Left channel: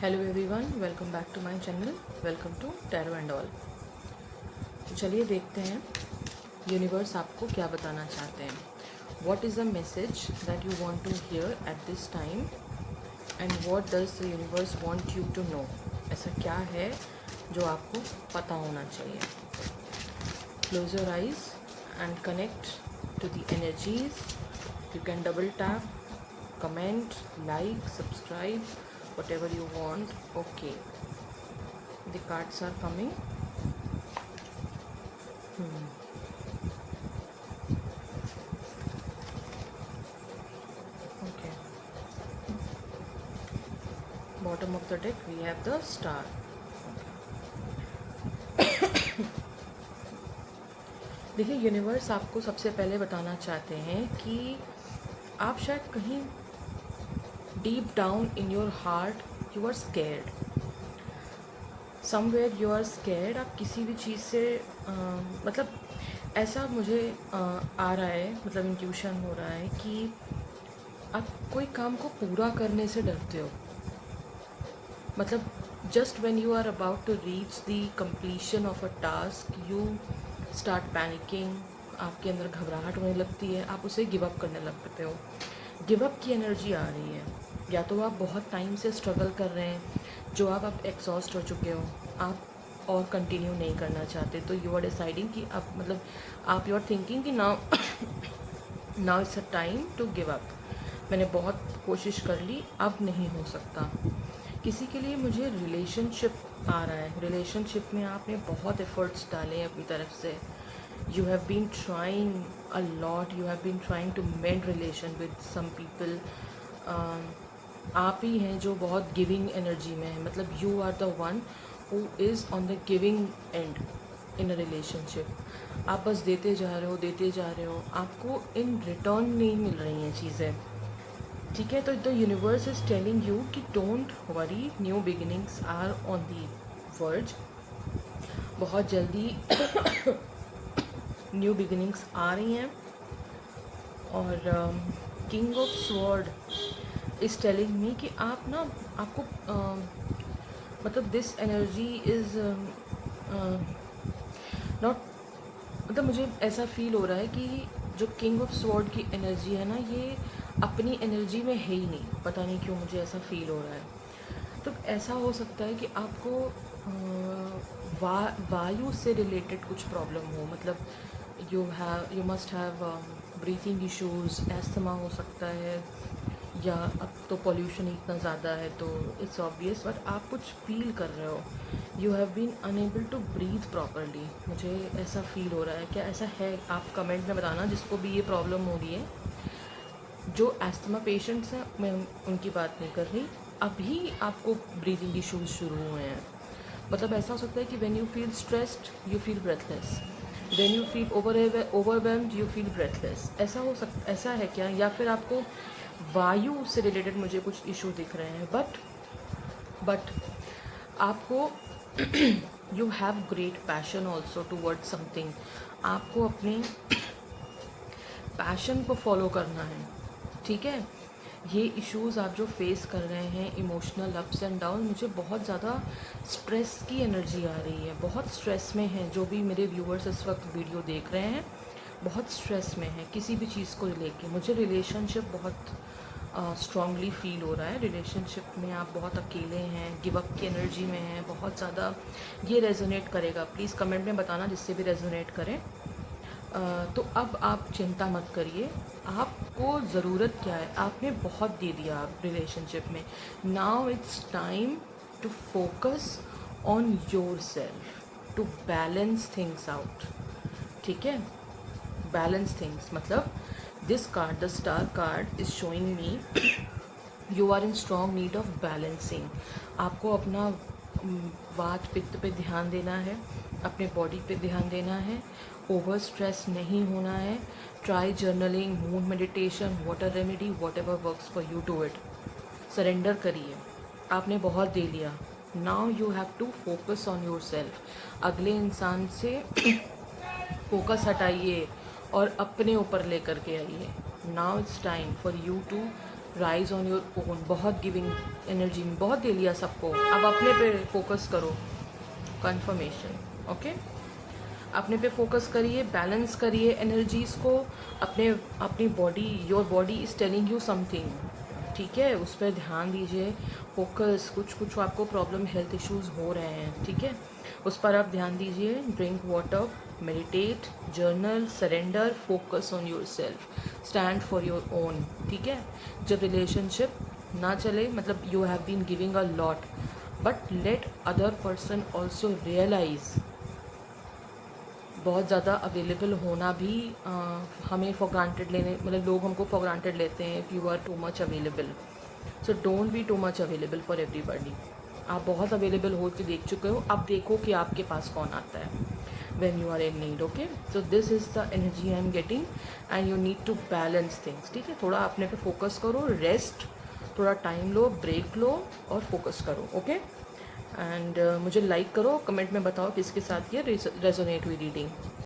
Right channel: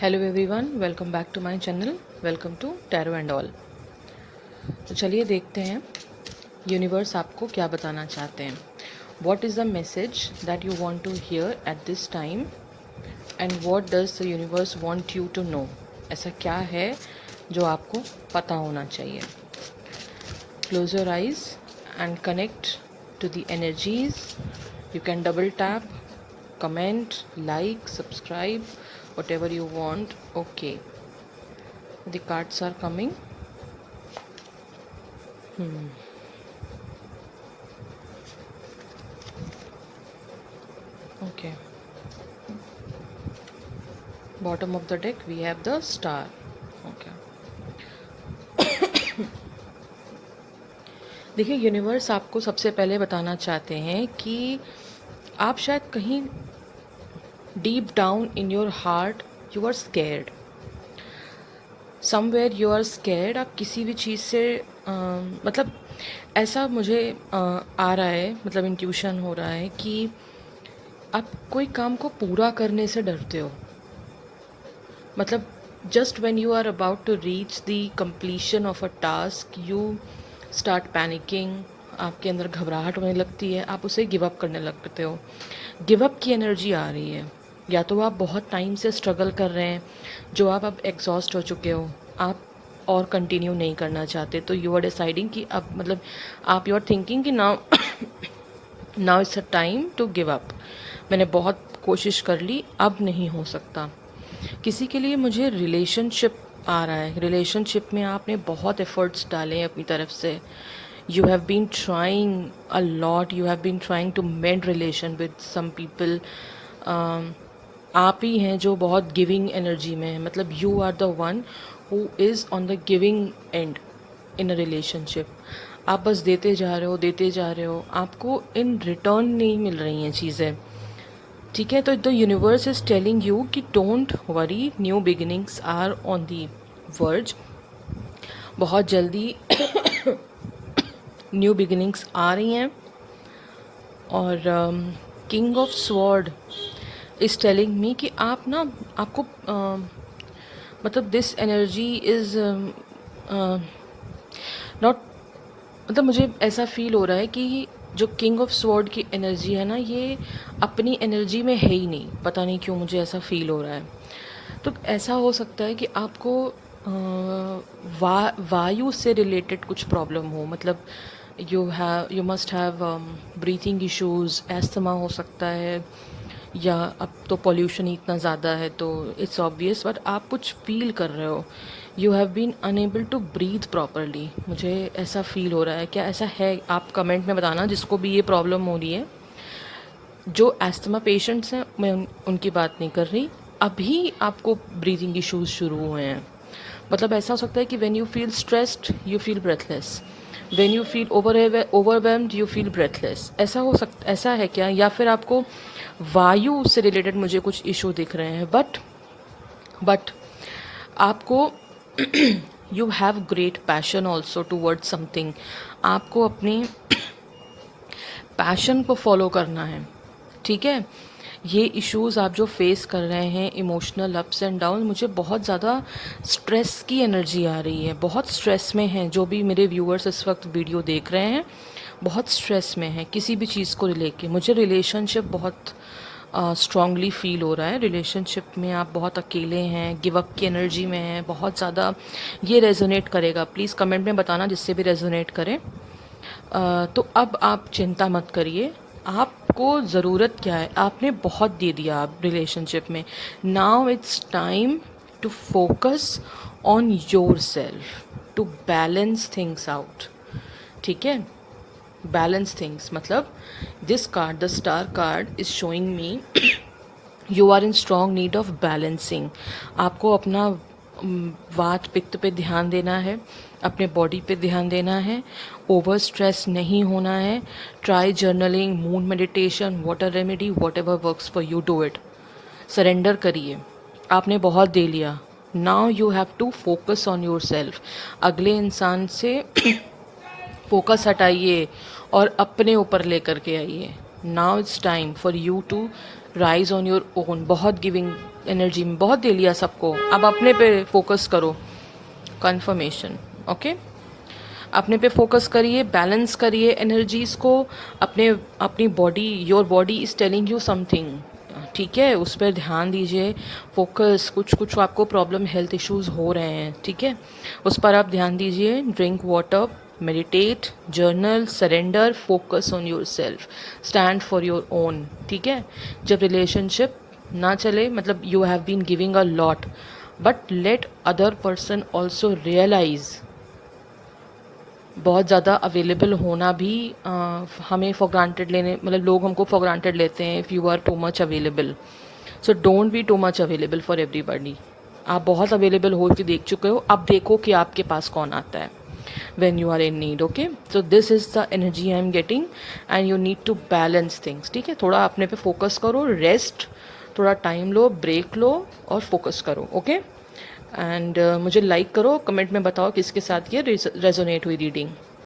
Hello everyone, welcome back to my channel. Welcome to tarot and all. तो चलिए देखते हैं यूनिवर्स आपको क्या बताना चाहते हैं। What is the message that you want to hear at this time and what does the universe want you to know. ऐसा क्या है जो आपको पता होना चाहिए। Close your eyes and connect to the energies. You can double tap, comment, like, subscribe, whatever you want. Okay, the cards are coming. Okay, bottom of the deck we have the star. Okay, देखिए universe आपको सबसे पहले बताना चाहते हैं कि आप शायद कहीं deep down in your heart you are scared. Somewhere you are scared. आप किसी भी चीज़ से मतलब ऐसा मुझे आ रहा है, मतलब इंट्यूशन हो रहा है कि आप कोई काम को पूरा करने से डरते हो। मतलब just when you are about to reach the completion of a task you start panicking. आपके अंदर घबराहट होने लगती है, आप उसे गिव अप करने लगते हो। गिव अप की एनर्जी आ रही है। या तो आप बहुत टाइम से स्ट्रगल कर रहे हैं, जो आप अब एग्जॉस्ट हो चुके हो, आप और कंटिन्यू नहीं करना चाहते, तो यू आर डिसाइडिंग कि अब मतलब आप यू आर थिंकिंग कि now now it's a time to give up. मैंने बहुत कोशिश कर ली, अब नहीं हो सकता। किसी के लिए मुझे रिलेशनशिप आ रहा है। रिलेशनशिप में आपने बहुत एफर्ट्स डाले हैं अपनी तरफ से। You have been trying a lot, you have been trying to mend relation with some people. आप ही हैं जो बहुत गिविंग एनर्जी में है। मतलब you are the one who is on the giving end in a relationship. आप बस देते जा रहे हो, देते जा रहे हो, आपको इन रिटर्न नहीं मिल रही हैं चीज़ें। ठीक है, तो the universe is telling you कि don't worry, new beginnings are on the verge. बहुत जल्दी न्यू बिगिनिंग्स आ रही हैं। और king of sword is telling me कि आप ना आपको मतलब दिस एनर्जी इज़ नॉट, मतलब मुझे ऐसा फील हो रहा है कि जो किंग ऑफ स्वॉर्ड की एनर्जी है ना, ये अपनी एनर्जी में है ही नहीं। पता नहीं क्यों मुझे ऐसा फील हो रहा है। तो ऐसा हो सकता है कि आपको वायु से रिलेटेड कुछ प्रॉब्लम हो। मतलब you must have breathing issues, asthma हो सकता है, या अब तो पॉल्यूशन इतना ज़्यादा है तो इट्स ऑब्वियस, बट आप कुछ फील कर रहे हो। You have been unable to breathe properly. मुझे ऐसा फील हो रहा है। क्या ऐसा है? आप कमेंट में बताना जिसको भी ये प्रॉब्लम हो रही है। जो एस्थमा पेशेंट्स हैं, मैं उनकी बात नहीं कर रही। अभी आपको ब्रीथिंग इश्यूज शुरू हुए हैं। मतलब ऐसा हो सकता है कि when you feel stressed you feel breathless, when you feel overwhelmed you feel breathless. ऐसा है क्या? या फिर आपको वायु से रिलेटेड मुझे कुछ इशू दिख रहे हैं। बट आपको you have great passion also towards something. आपको अपनी पैशन को फॉलो करना है। ठीक है, ये इश्यूज़ आप जो फेस कर रहे हैं, इमोशनल अप्स एंड डाउन, मुझे बहुत ज़्यादा स्ट्रेस की एनर्जी आ रही है। बहुत स्ट्रेस में हैं जो भी मेरे व्यूअर्स इस वक्त वीडियो देख रहे हैं, बहुत स्ट्रेस में हैं किसी भी चीज़ को लेके। मुझे रिलेशनशिप बहुत स्ट्रांगली फील हो रहा है। रिलेशनशिप में आप बहुत अकेले हैं, गिव अप की एनर्जी में हैं बहुत ज़्यादा। ये रेजोनेट करेगा, प्लीज़ कमेंट में बताना जिससे भी रेजोनेट करे। तो अब आप चिंता मत करिए। आपको ज़रूरत क्या है? आपने बहुत दे दिया आप रिलेशनशिप में। Now it's time to focus on yourself, to balance things out. ठीक है, बैलेंस थिंग्स मतलब this card, the star card is showing me you are in strong need of balancing. आपको अपना वात पित्त पे ध्यान देना है, अपने बॉडी पे ध्यान देना है, ओवर स्ट्रेस नहीं होना है। Try journaling, moon meditation, water remedy, whatever works for you, do it. Surrender करिए। आपने बहुत दे लिया। Now you have to focus on yourself. अगले इंसान से फोकस हटाइए और अपने ऊपर लेकर के आइए। Now it's time for you to rise on your own. बहुत गिविंग एनर्जी में बहुत दे लिया सबको, अब अपने पे फोकस करो। Confirmation, okay. अपने पे फोकस करिए, बैलेंस करिए एनर्जीज़ को। अपनी body, your body is telling you something, ठीक है, उस पर ध्यान दीजिए। फोकस, कुछ आपको प्रॉब्लम, हेल्थ इश्यूज़ हो रहे हैं, ठीक है, उस पर आप ध्यान दीजिए। Drink water, meditate, journal, surrender, focus on yourself, stand for your own, ठीक है। जब रिलेशनशिप ना चले, मतलब you have been giving a lot, but let other person also realise. बहुत ज़्यादा अवेलेबल होना भी हमें फॉर ग्रांटेड लेने, मतलब लोग हमको फॉर ग्रांटेड लेते हैं if you are too much available. So don't be too much available for everybody. आप बहुत अवेलेबल हो के देख चुके हो, अब देखो कि आपके पास कौन आता है when you are in need, okay. So this is the energy I am getting and you need to balance things, ठीक है। थोड़ा अपने पे फोकस करो, रेस्ट, थोड़ा टाइम लो, ब्रेक लो और फोकस करो, ओके। एंड मुझे लाइक करो, कमेंट में बताओ किसके साथ ये रेजोनेट हुई रीडिंग।